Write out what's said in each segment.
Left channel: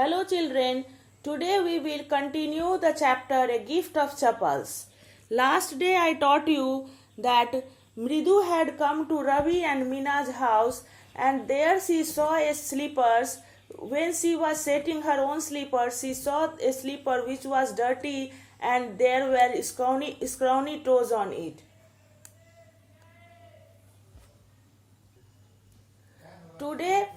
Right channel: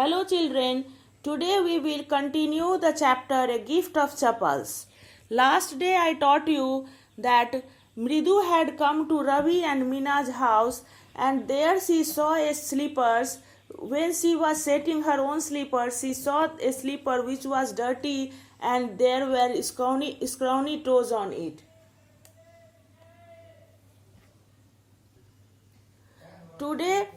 Hello children, today we will continue the chapter A Gift of Chappals. Last day I taught you that Mridu had come to Ravi and Mina's house and there she saw a slippers. When she was setting her own slippers, she saw a slipper which was dirty and there were scrawny toes on it. Today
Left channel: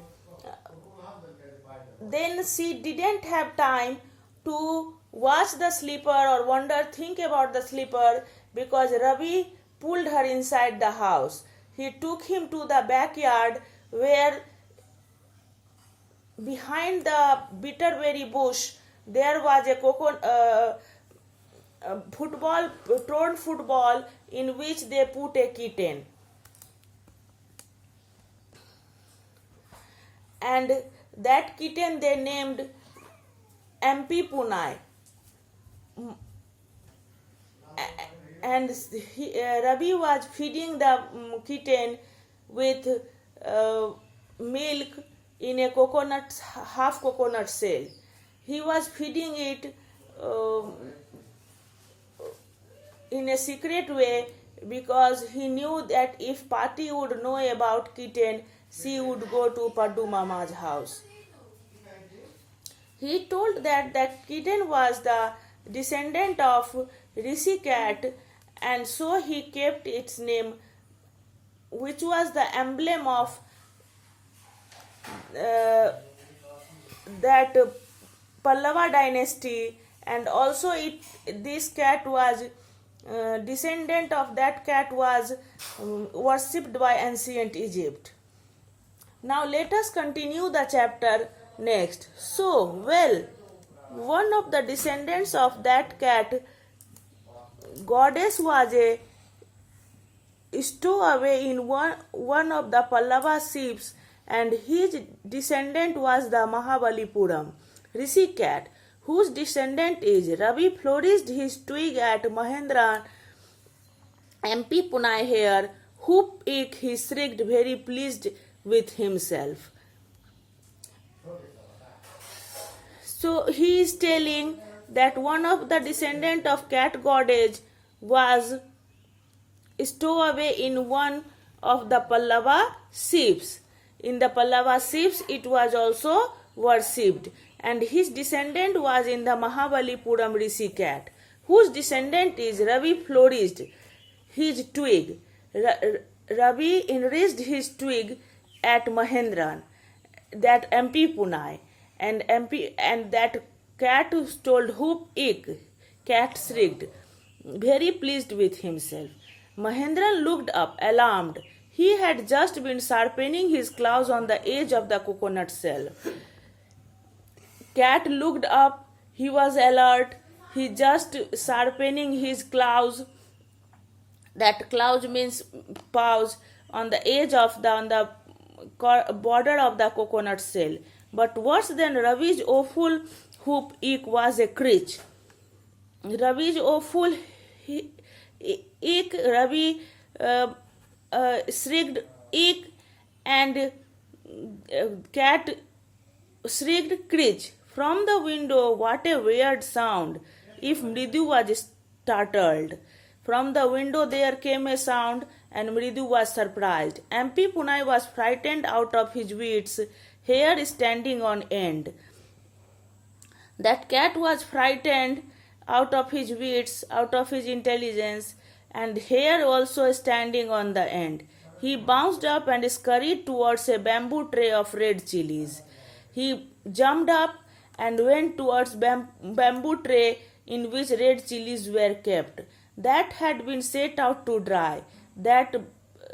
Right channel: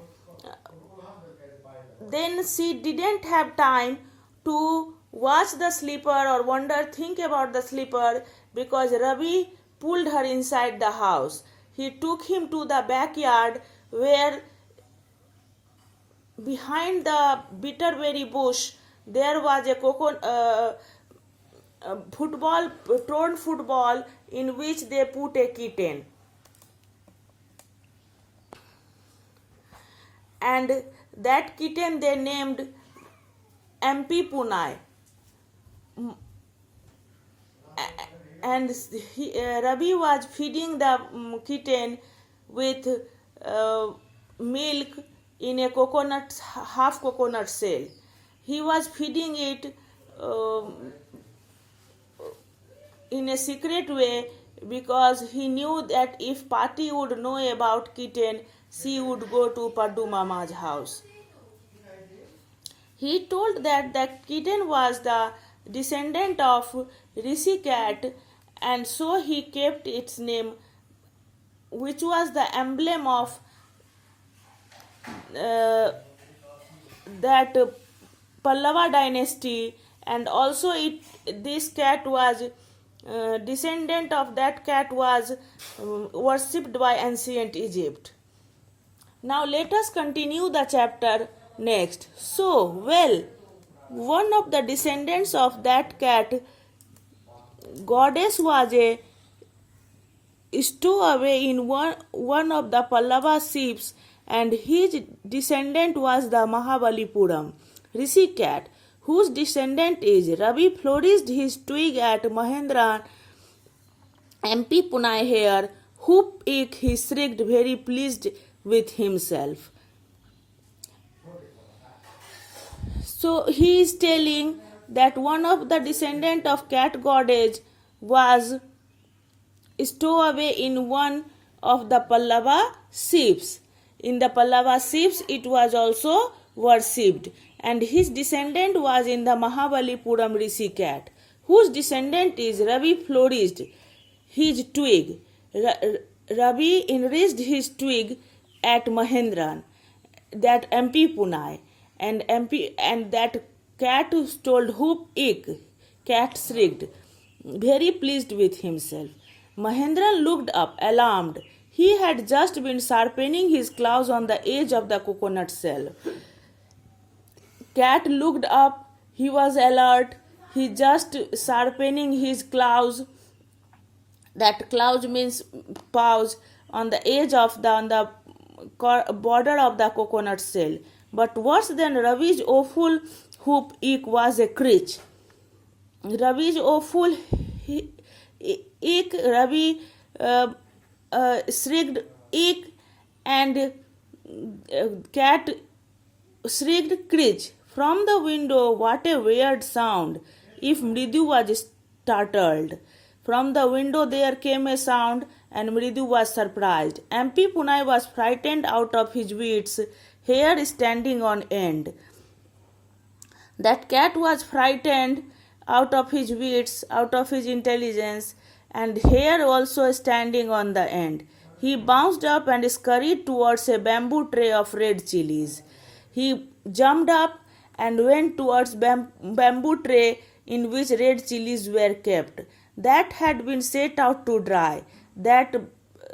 then she didn't have time to watch the slipper or think about the slipper because Ravi pulled her inside the house. He took him to the backyard where behind the bitterberry bush there was a torn football in which they put a kitten. And that kitten they named MP Punai. And Ravi was feeding the kitten with milk in a half coconut shell. He was feeding it in a secret way because he knew that if Pati would know about kitten, she would go to Paddu Mama's house. He told that the kitten was the descendant of Rishi cat and so he kept its name, which was the emblem of that Pallava dynasty, and also this cat was descendant of that cat was worshipped by ancient Egypt. Now let us continue the chapter next. So, one of the descendants of that cat goddess was a stowaway in one of the Pallava ships, and his descendant was the Mahabalipuram Rishi cat, whose descendant is Ravi flourished his twig at Mahendran MP Punai here, whoop ik he shrieked, very pleased with himself. So he is telling that one of the descendant of cat goddess was stowaway in one of the Pallava ships. In the Pallava ships it was also worshipped, and his descendant was in the Mahabalipuram Rishi cat, whose descendant is Ravi flourished his twig. Ravi enriched his twig at Mahendran, that MP Punai, and that cat told whoop ik, cat shrieked, very pleased with himself. Mahendran looked up, alarmed. He had just been sharpening his claws on the edge of the coconut shell. Cat looked up, he was alert, he just sharpening his claws, that claws means paws, on the edge of on the border of the coconut shell. But worse than Ravi's awful whoop ik was a screech. Ravi's awful ik, Ravi shrieked ik, and cat shrieked screech. From the window, what a weird sound, if Mridu was startled. From the window there came a sound, and Mridu was surprised. MP Punai was frightened out of his wits, hair standing on end. That cat was frightened out of his wits, out of his intelligence, and hair also standing on the end. He bounced up and scurried towards a bamboo tray of red chilies. He jumped up and went towards bamboo tray in which red chilies were kept. That had been set out to dry. That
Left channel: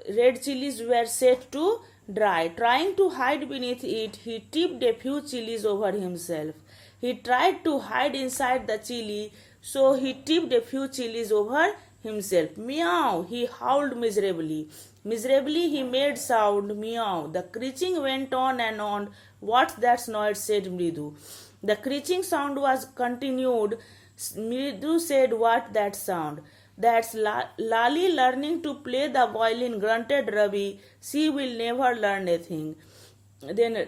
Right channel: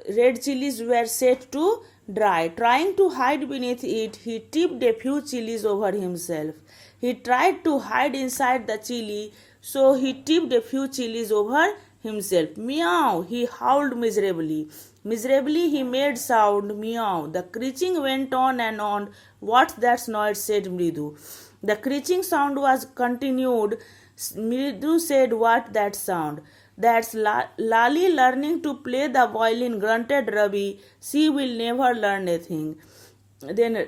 red chilies were set to dry. Trying to hide beneath it, he tipped a few chilies over himself. He tried to hide inside the chili, so he tipped a few chilies over himself. Meow! He howled miserably. Miserably he made sound, meow. The screeching went on and on. What's that noise? Said Mridu. The screeching sound was continued. Mridu said, what that sound? That's Lali learning to play the violin, grunted Ravi. She will never learn a thing. Then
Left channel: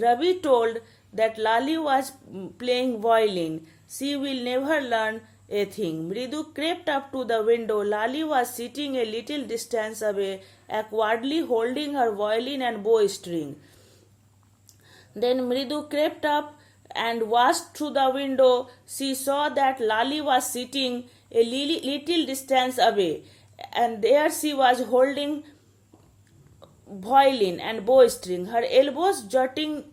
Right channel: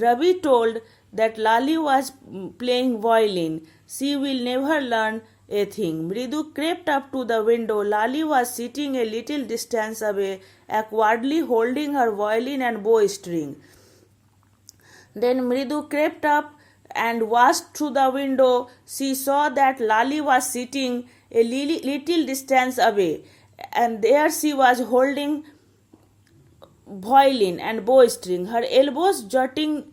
Ravi told that Lali was playing violin. She will never learn a thing. Mridu crept up to the window. Lali was sitting a little distance away, awkwardly holding her violin and bowstring. Then Mridu crept up and watched through the window. She saw that Lali was sitting a little distance away, and there she was holding violin and bowstring, her elbows jutting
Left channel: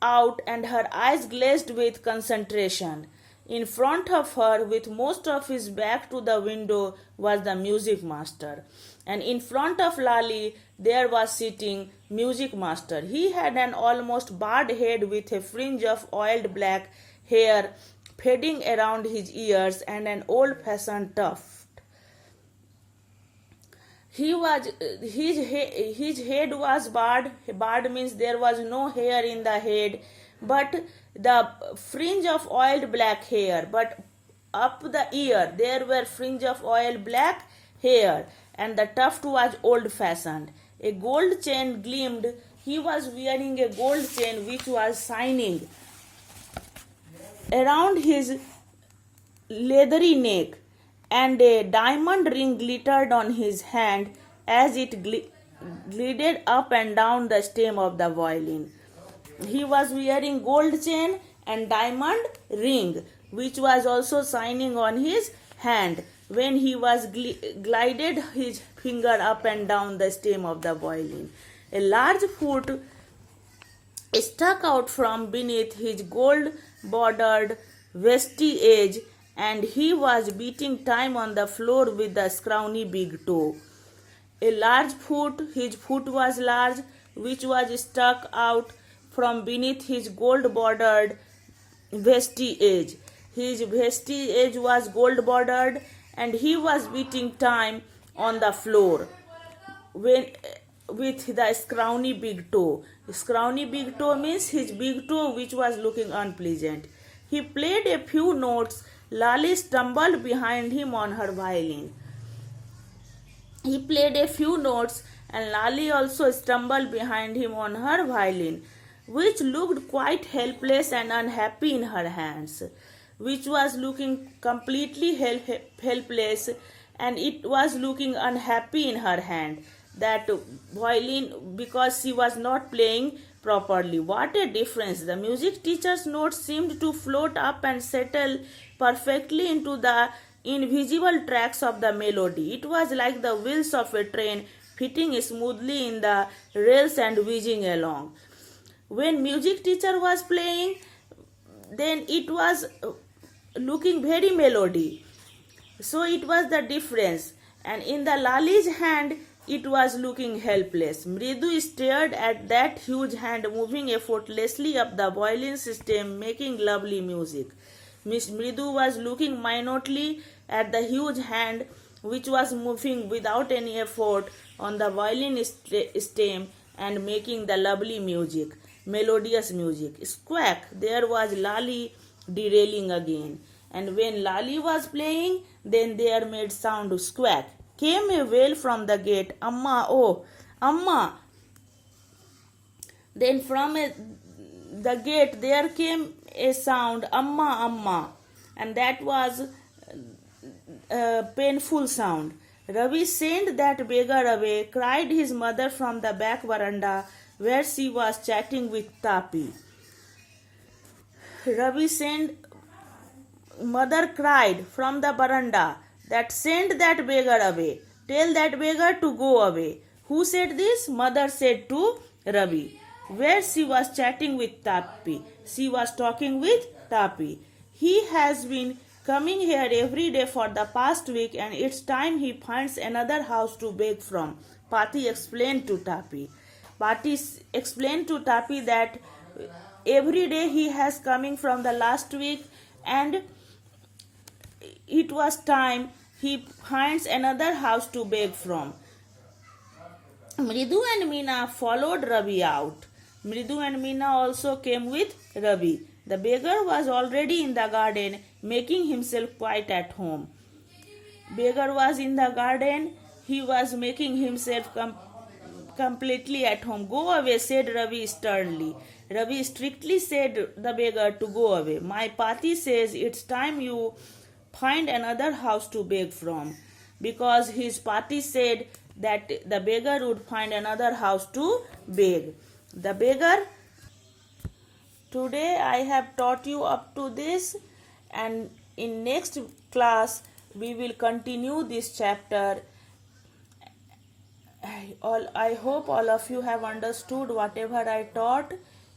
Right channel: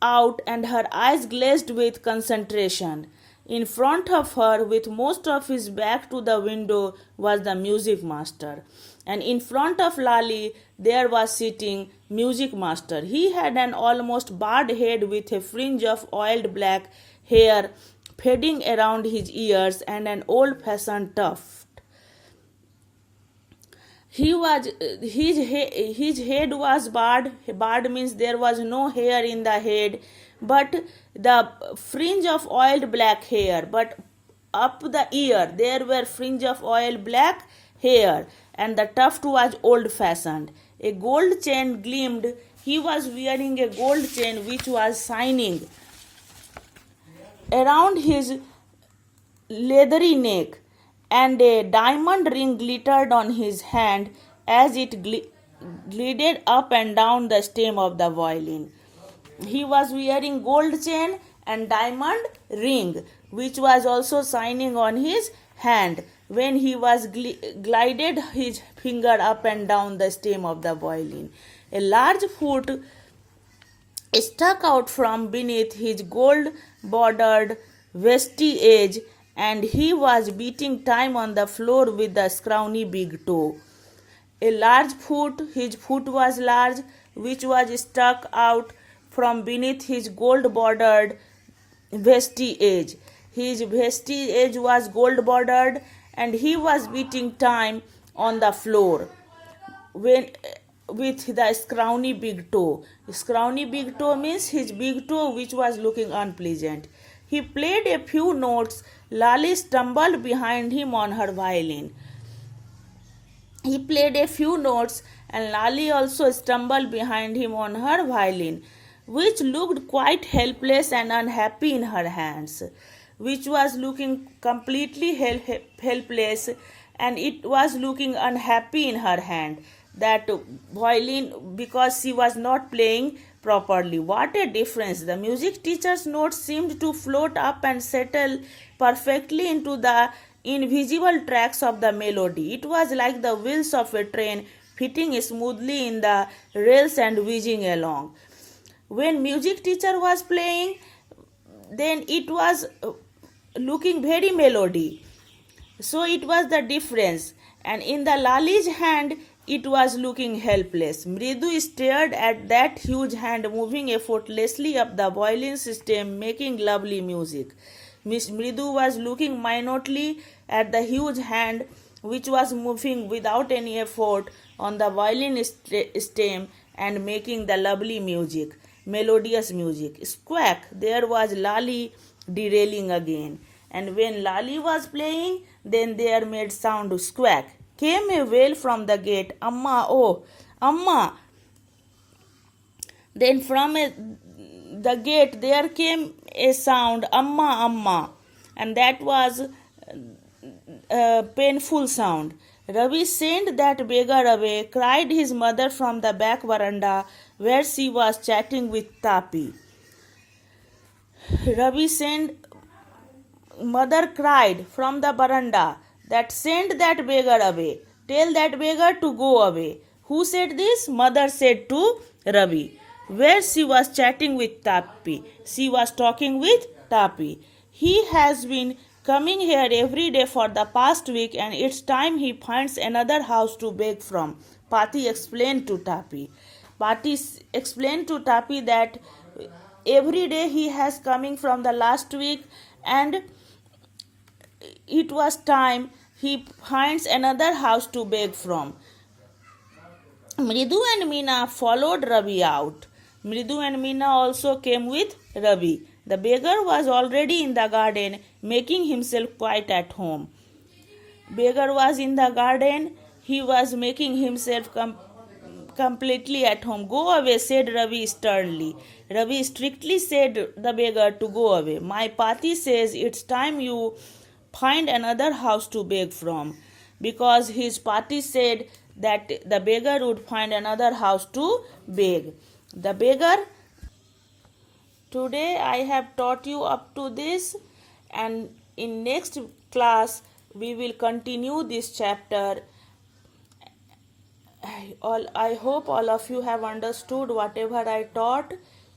out and her eyes glazed with concentration. In front of her, with most of his back to the window, was the music master. And in front of Lali, there was sitting music master. He had an almost bald head with a fringe of oiled black hair fading around his ears and an old-fashioned tuft. His head was bald. Bald means there was no hair in the head, but the fringe of oiled black hair. But up the ear there were fringe of oiled black hair, and the tuft was old-fashioned. A gold chain gleamed. He was wearing a gold chain which was shining around his leathery neck, and a diamond ring glittered on his hand as it glided up and down the stem of the violin. He was wearing gold chain and diamond ring, which was also shining on his hand when he was glided his finger up and down the stem of the violin. A large foot stuck out from beneath his gold-bordered vestige, and he was beating time on the floor with the scrawny big toe. A large foot, his foot was large, which was stuck out from beneath his gold-bordered vestige. His vestige was gold-bordered, and he was beating time on the floor with the scrawny big toe. Scrawny big toe means his big toe which was looking unpleasant. He played a few notes. Lali stumbled behind him on her violin. He played a few notes, and Lali also stumbled behind him on her violin, which looked quite helpless and unhappy in her hands, which was looking completely helpless, and it was looking unhappy in her hand, that violin, because she was not playing properly. What a difference! The music teacher's notes seemed to float up and settle perfectly into the invisible tracks of the melody. It was like the wheels of a train fitting smoothly in the rails and whizzing along. When music teacher was playing, then it was looking very melody. So it was the difference. And in the Lali's hand, it was looking helpless. Mridu stared at that huge hand moving effortlessly up the violin stem, making lovely music. Miss Mridu was looking minutely at the huge hand which was moving without any effort on the violin stem and making the lovely music, melodious music. Squawk! There was Lali derailing again. And when Lali was playing, then there made sound squawk. Came a wail from the gate. Amma, oh, Amma! Then from the gate there came a sound, Amma, Amma, and that was a painful sound. Ravi sent that beggar away, cried his mother from the back veranda where she was chatting with Tapi. Ravi sent, mother cried from the veranda that send that beggar away. Tell that beggar to go away. Who said this? Mother said to Ravi, where she was chatting with Tapi. She was talking with Tapi. He has been coming here every day for the past week, and it's time he finds another house to beg from, Pati explained to Tapi. Pati explained to Tapi that every day he has coming from the last week, and it was time he finds another house to beg from. Mridu and Meena followed Ravi out. Mridu and Meena also came with Ravi. The beggar was already in the garden, making himself quite at home. Beggar was in the garden. He was making himself completely at home. Go away, said Ravi sternly. Ravi strictly said the beggar to go away. My Pati says it's time you find another house to beg from, because his Pati said that the beggar would find another house to beg. The beggar. Today I have taught you up to this, and in next class we will continue this chapter. I hope all of you have understood whatever I taught.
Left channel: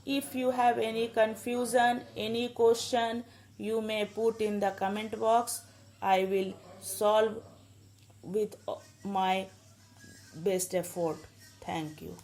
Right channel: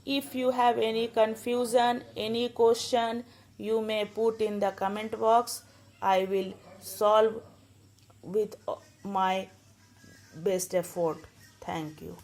If you have any confusion, any question, you may put in the comment box. I will solve with my best effort. Thank you.